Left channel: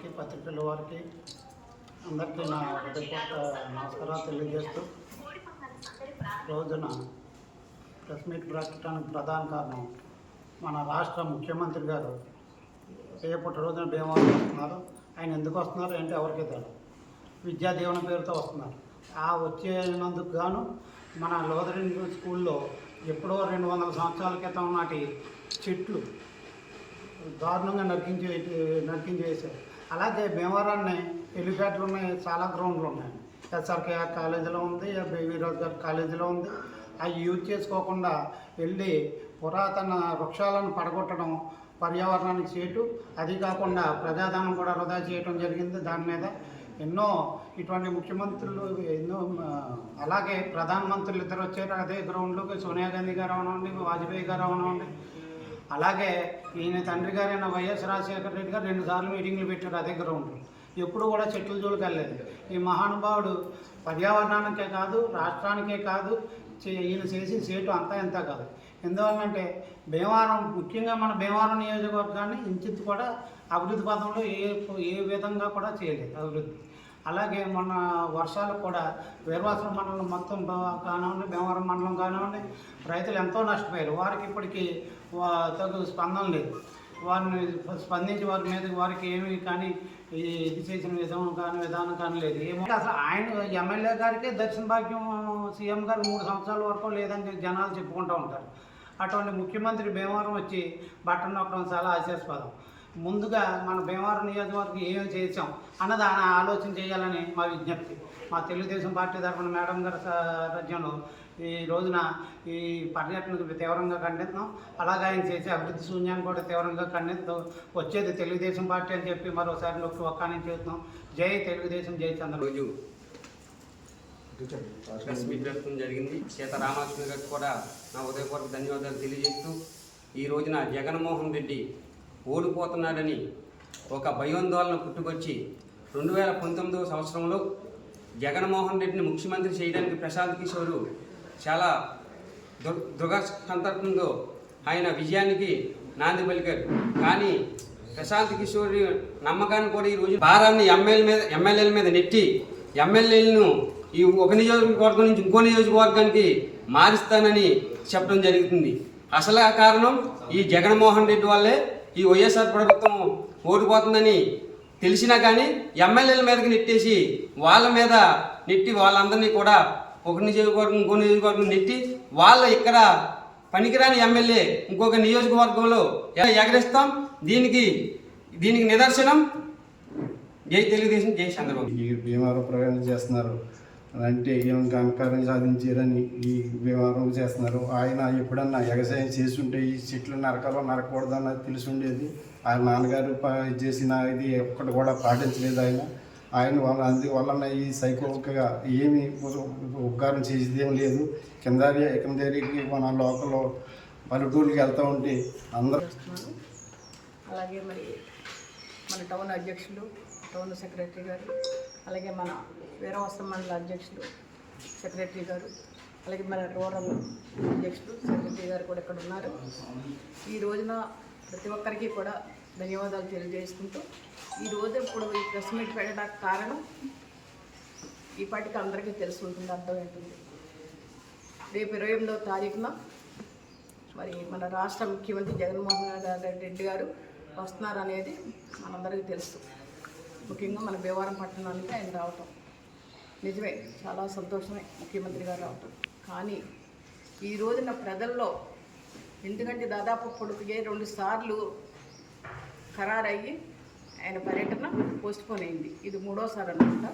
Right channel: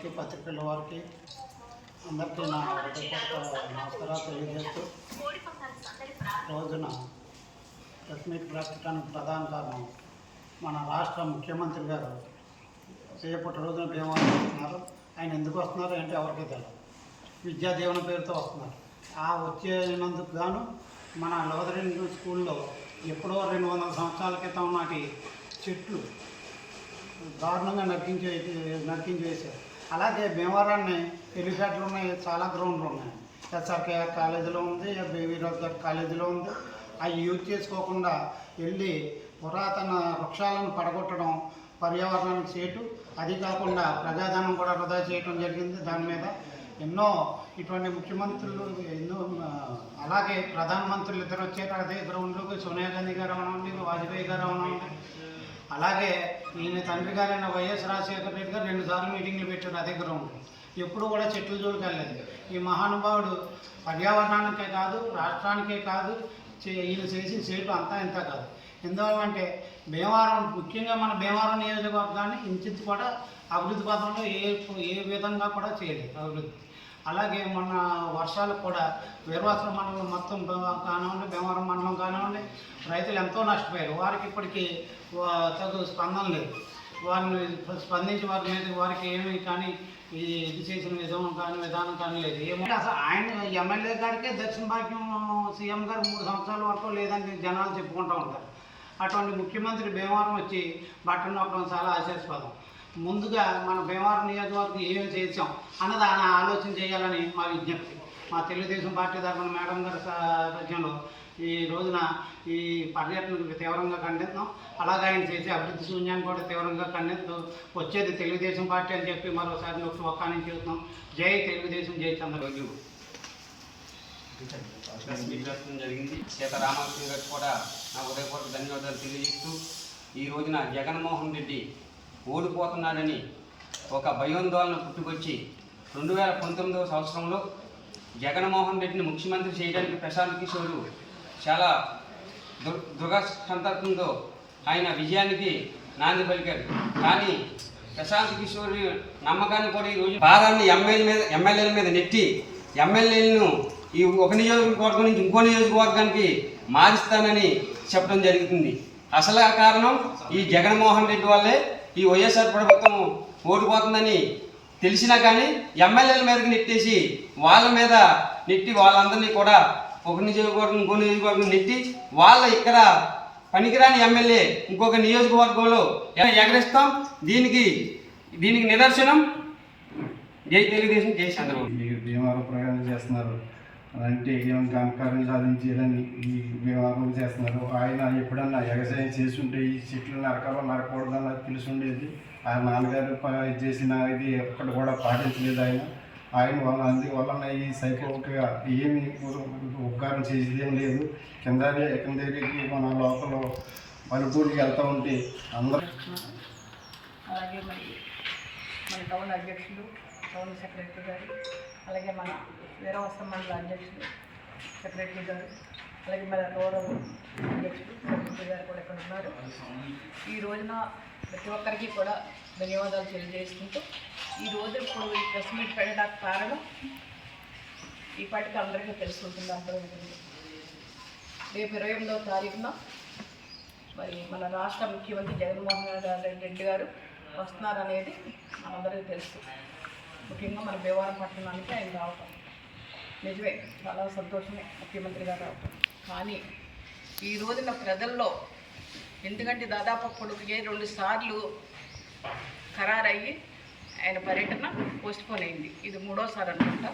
వారికి పత్రికల వారికి అందరికీ నా హృదయపూర్వక నమస్కారాలు తెలియజేస్తూ రోజున ప్రెస్ మీట్ పెట్టడానికి ప్రధాన కారణం మన రాష్ట్ర ముఖ్యమంత్రి గారు. రేపటి రోజున భీమవరం వస్తున్నారు. ఆయన ఎందుకు వస్తున్నారు ఏంటో ఎవరికీ తెలియదు విద్యా దీవెన పేరుతో వస్తున్నారు. ఆ వచ్చేనందుకు గాను మన లోదరింగ్ స్కూల్లో ఎప్పుడో రెండు వందల సంవత్సరాల క్రితం నాటి చెట్లు దారుణంగా నరికించే నరికించేశారు. అలాగే భీమవరాన్ని హెలిప్యాడ్లు ఉన్నాయి చాలా గ్రౌండ్లు ఉన్నాయి. ఎస్ఆర్కేఆర్ కాలేజీలో ఉంది బేబీ రోజ్ కాలేజీలో ఉంది. అవి యూజ్ చేసుకోకుండా వెళ్ళి పురాతన వృక్షాలను పడగొట్టడం పర్యావరణానికి చేయటం అది కాకుండా ప్రజాధనం కూడా వృధా చేయటం జరిగింది దాని మీద. ఎన్నో ఇటువంటి ముఖ్యమంత్రులు ఎన్నో అలాగే ప్రధానమంత్రులు ఇద్దరు వచ్చారు. అదే గ్రౌండ్లోకి సోనియా గాంధీ గారు అవనండి వాజ్పేయి గారు అవనండి అలాగే ఈయన తండ్రి గారైన వైఎస్ రాజశేఖర రెడ్డి గారు రెండు సార్లు మీటింగ్లు పెట్టారు అదే గ్రౌండ్ ఎప్పుడు కూడా చెట్ల జోలికి వెళ్ళలేదు ఈ మహానుభావుడు పర్యావరణానికే కాదు రాష్ట్రానికే కాదు చే- ఈయన చేసిన సేటు అంతా ఇంత కాదు. ఎందువల్లంటే భీమవరం ముఖ్యంగా మన భీమవరం నియోజకవర్గాన్ని ఇంచిత్ కూడా అభివృద్ధి పథంలో ఏ ఏ విధంగా కూడా చేయలేదు అభివృద్ధి. అలాగే మొన్న వర్షాలకు కూడా వీరవాసుల మండలం మొత్తం కానివ్వండి భీమవరం మండలం కానివ్వండి రైతులు ఎంతో నష్టపోయారు. వారికి ఇప్పటికీ తగు స్పందన లేదు. వారిని స్పందించి వారి మీద వారికి ఏమి కానీ ఈ ఇది చేసిన విధానం కానీ విధానం కానీ లేదు. ఏమో అసలు ఆయన ఎమ్మెల్యే గారికే దర్శన భాగ్యం సీఎం గారు మూడు సంవత్సరాల వరకు లేదని జనాలు చెప్పుకుంటూ ఉంటారు. అటువంటి ముఖ్యమంత్రి భీమవరం వచ్చి బట్టన్ చాలా ఆశాస్పదం. ముందుగా మన భీమవరం నియోజకవర్గం ఏం చేసాం అన్నది ఆయన ఆలోచన చేయాలని మా విజ్ఞప్తి. మా తెలుగుదేశం పార్టీ తరఫున మేడం గారి సారథ్యంలో ఈ రోజున ఈ పర్యటనకు తీవ్రంగా ఖండిస్తున్నాం. అలాగే ఆయన చేసే అభివృద్ధి శూన్యాన్ని కూడా తీవ్రంగా ఖండిస్తూ వచ్చేది తెలుగుదేశం పార్టీ అని చెప్పి మరోసారి నొక్కి ఒక్కాని చేస్తున్నాం జై తెలుగుదేశం జై చంద్రబాబు. రోజు పెట్టడం జరిగింది. సీతారామకృష్ణ గారికి కూడా నా ఉదయపూర్వక ధన్యవాదాలు తెలియజేస్తూ ఈ రోజున జగన్మోహన్ రెడ్డి ఓడిపోతున్నారని ఒక భయోందోళన పుట్టుకొచ్చి రెండు వేల పంతొమ్మిదవ సంవత్సరంలో జగన్మోహన్ రెడ్డిని ముఖ్యమంత్రి చేయడానికి ప్రశాంత్ కిషోరు చాలా దు దృఢ ఆయన విజయానికి నాంది పలికారు. కానీ ప్రశాంత్ కిషోర్ నమ్మకాన్ని కూడా ఈ రోజు భారాన్ని ఎమ్మెల్యే మీద ఎమ్మెల్యేల మీద నెట్టి ఎమ్మెల్యేలను ఈ ఒక నియోజకవర్గం నుంచి ఇంకో నియోజకవర్గానికి మారుస్తానని చెప్పడం జరుగుతుంది. అసలు కారణం ఈ జగన్మోహన్ రెడ్డి వల్లే ఈ వైఎస్ఆర్ ప్రభుత్వం ఓడిపోతుందని తెలిసినా కానీ ఎమ్మెల్యేల మీదకి నెట్టేసి వాళ్ళ మీద నెట్టి వాళ్ళందరినీ కూడా ఒక నియోజకవర్గం ఇంకో నియోజకవర్గం నెట్టి వాళ్ళ ఇక్కడ పనికిరాని ఎమ్మెల్యే ఇంకొక నియోజకవర్గంలో ఎగరిస్తాం ఎగరేస్తాం? దీనికి దీనికి నిదర్శనం జై తెలుగుదేశం జై చంద్రబాబు. ఈ భీమవరం ప్రయాణం చేస్తున్నారు. అంటే ఏమైనా ఘనకార్యం సాధించాలని ఈ భీమవరం చేస్తున్నారు. ఆయన ఎప్పుడన్నా ఎగసాయం చేస్తుంటే ఈ చెట్లు నరకాలో నరకూడదు అన్నది తెలిసి ఉండేది ఆ నాన్నగారు చేసిన ఇది ఎప్పటి కూడా పాటించలేదు ఆయన. ఆయన వల్ల అందువలన ఈ సైకోగా ఏమి ఉపకారం చేసేదేం లేదు. కింద కింద మన లోపల పలుకూరికి వెళ్తూ ఉంటే అందరూ అలాగే మరి మన టౌన్ అధ్యక్షులు టౌన్ సెక్రటరీ గారు అలాగే మన వీరవస్త్ర మండల అధ్యక్షులు సెక్రటరీ గారు అలాగే మన రూరల్ అధ్యక్షులు సెక్రటరీ గారు కూడా ఇక్కడ ఉన్నారు. ఈ రోజున ప్రతి ఒక్కరికి కూడా ధన్యవాదాలు తెలియజేసుకుంటూ ఈ రోజు ఇప్పుడు ఈ ప్రెస్ మీట్ పెట్టడానికి కారణం ఈ పాటికి అందరికీ తెలిసి ఉంటుంది అర్థమవుతుంది. రేపు ఇరవై ఎనిమిదవ తారీఖున మరి మన రాష్ట్ర ముఖ్యమంత్రి జగన్మోహన్ రెడ్డి రెడ్డి గారు వస్తున్నారనేది మనందరికీ తెలుసు. ముఖ్యంగా మన భీమవరం పట్టణానికి ఆయన రావటం. నిజమే చాలా సంతోషమే ముఖ్యమంత్రి గారు రావటం. కానీ ఈ రోజున ప్రజల్లో ఎందుకంటే దాదాపు పొడుగుగే రెండు సార్లు ఖరారయ్యి ఆయన పర్యటన పోస్ట్పోన్ అయింది. ఇది మూడోసారి అనుకుంటా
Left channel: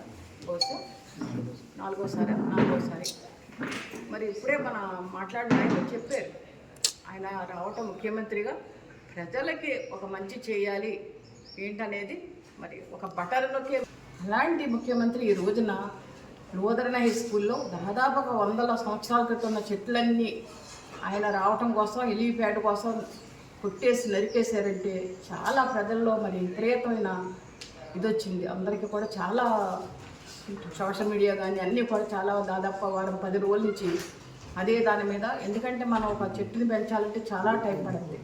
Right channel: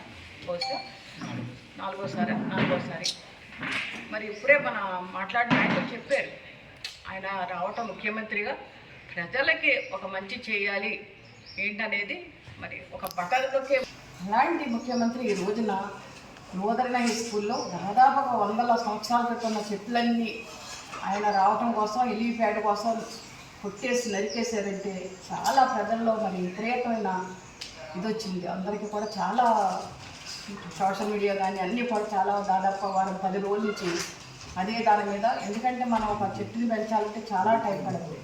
బహుశా నాలుగోసారి? నాలుగోసారి. మరి ఇప్పుడే మన మాట్లాడిన నాయకులు చెప్పారు ఆయన రావటం ముఖ్యమంత్రిగా ప్రజలకి ఒక మంచి చేయాలి ఏంటనేది మరి ఒక బటర్లోకే. అలాంటి ముఖ్యమంత్రి ఈ రోజున లోదరణ హై స్కూల్లో దాదాపుగా వందల సంవత్సరాల క్రితం ఉన్న చెట్లన్నీ ఆయన రావటం కోసం ఎలిపేట కోసం కొట్టేసి నరికేశారంటే చాలా ప్రజల్లో మరి విపరీతమైన ఇది వచ్చింది అందరికీ కూడా చాలా సోషల్ మీడియా కానీ అన్నీ కూడా చాలా దాదాపు వారం పది రోజుల నుంచి అదే దాని మీద. ఎందుకంటే మనం ఒక చెట్టుని పెంచాలంటే చాలా టైం పడుతుంది.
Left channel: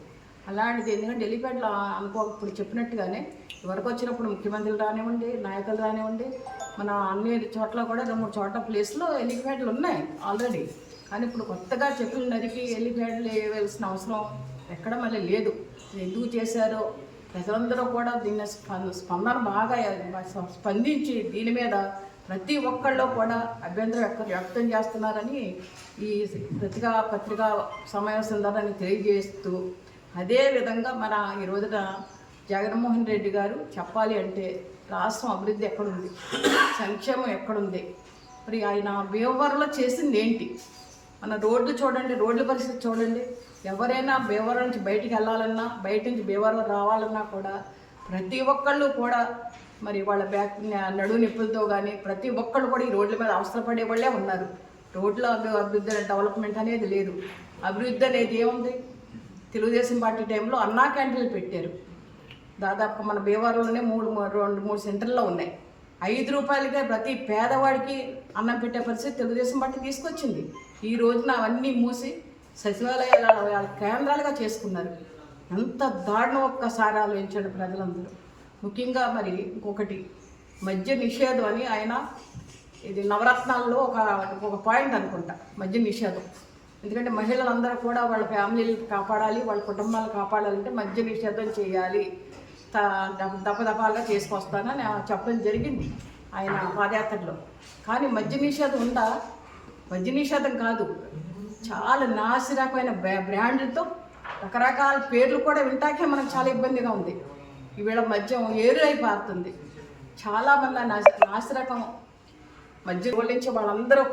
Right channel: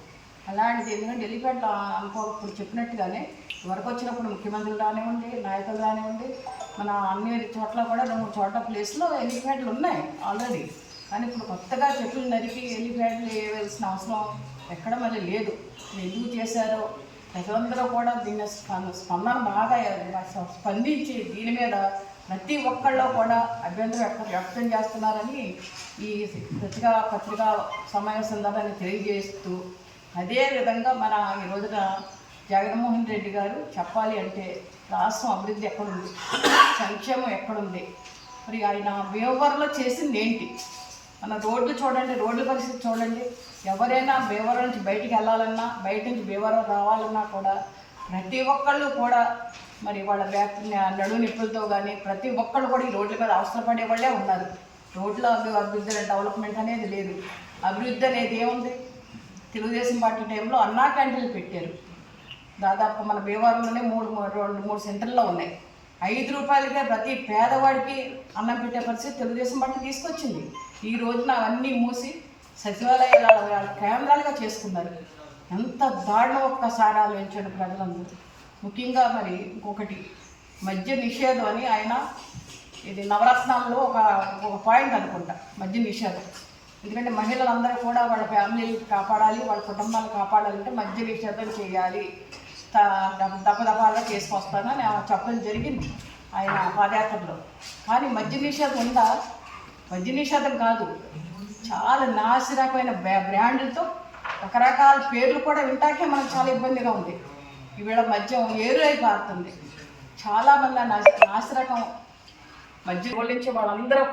అలాంటిది ఎందుకంటే ఎలిఫెంట్లు అనుకో ఇప్పుడు చెప్పినట్టుగానే వరకు వచ్చినప్పుడు ముఖ్యమంత్రులు రానివ్వండి నాయకులు రానివ్వండి మన అన్ని చోట్ల కూడా రెండు మూడు చోట్ల ప్లేస్లో ఎలిఫెంట్లు ఉన్నాయి ఆల్రెడీ. కానీ ఇప్పుడు కొత్తగా చెట్లు నరికి ఎలిఫెంట్లు వేయవలసిన అవసరం ఎక్కడ మళ్ళీ లేదు. ఎందుకు చేశారో ప్రజలందరూ కూడా దీని స్పంద- స్పందన బాగా స్పందించి దీని మీద ప్రతి ఒక్కళ్ళు కూడా అభ్యంతరం వ్యక్తం వ్యక్తం చేస్తున్నారని ఈ పత్రికా పత్రికా సమావేశం ద్వారా తెలియజేస్తూ అదే విధంగా మన ఈ రోజున జగన్మోహన్ రెడ్డి గారు చెప్పాలి అంటే రాష్ట్రం అభివృద్ధి ఎక్కడుంది? సంక్షేమం ఎక్కడుంది? మరి ఆయన బీవర్లో చేసింది ఏంటి? మన రోడ్లు చూడండి రోడ్ల పరిస్థితి చూడండి. ఎవరైనా భీమవరం నుంచి బయటికి వెళ్ళాలన్నా బయట నుంచి భీమవరం రావాలన్నా కూడా ప్రతి ఒక్కళ్ళు కూడా మరి వాళ్ళ బ్యాక్ నడువు నిప్పులతో కానీ ప్రతి ఒక్కళ్ళు కూడా ఈ రోడ్ల మీద అవసరపడే వాళ్ళే ఉన్నారు. రోడ్ల అభివృద్ధి డెవలప్మెంట్ అనేది లేదు. అభివృద్ధి అనేది ఏముంది? తెలుగుదేశం పార్టీ టైంలో అన్నా క్యాంటీన్లు పెట్టారు. దాదాపు మన భీమవరంలోనే మూడు రెండు మూడు సెంటర్లో ఉన్నాయి. ఐదు రూపాయలకే ప్రతి పేదవాడికి అన్నం పెట్టే పరిస్థితి తెలుగుదేశం పార్టీ తీసుకొచ్చింది. ఈ రోజున అవన్నీ మూసి సచివాలయాల వాళ్ళ కేంద్రాలుగా చేసుకున్నారు. ఎంత దారుణం ఒక్కసారి ఆలోచించండి ప్రజలందరూ. ముఖ్యంగా మరి ఇంకొకటి మద్య నిషేధం అని ఆయన ఇది నవరత్నాల్లో ఒక ఒక పాయింట్ అనుకుంటా. మద్య నిషేధం. ఎందుకంటే మహిళలందరూ కూడా వాళ్ళ ఫ్యామిలీని కాపాడాలి వాళ్ళ కుటుంబాలను కాపాడాలంటే మద్య నిషేధం చేయాలి. దపదపాలుగా చేసుకొస్తానని చెప్పడం జరిగింది ఆయన పాదయాత్రలో. కానీ మద్య నిషేధం ఉందా? మద్య నిషేధం కాదు. చాలా నాసిరకమైన బ్రాండ్లతో రకరకాల పేర్లు కూడా వింటాకే మనకు చాలా ఇబ్బందిగా ఉంది. ఈవేళ మద్యం ఏరు అయిపోతుంది. పారుతుంది చాలామంది నాసి నాసిరకం మద్యం గురించి వాళ్ళందరూ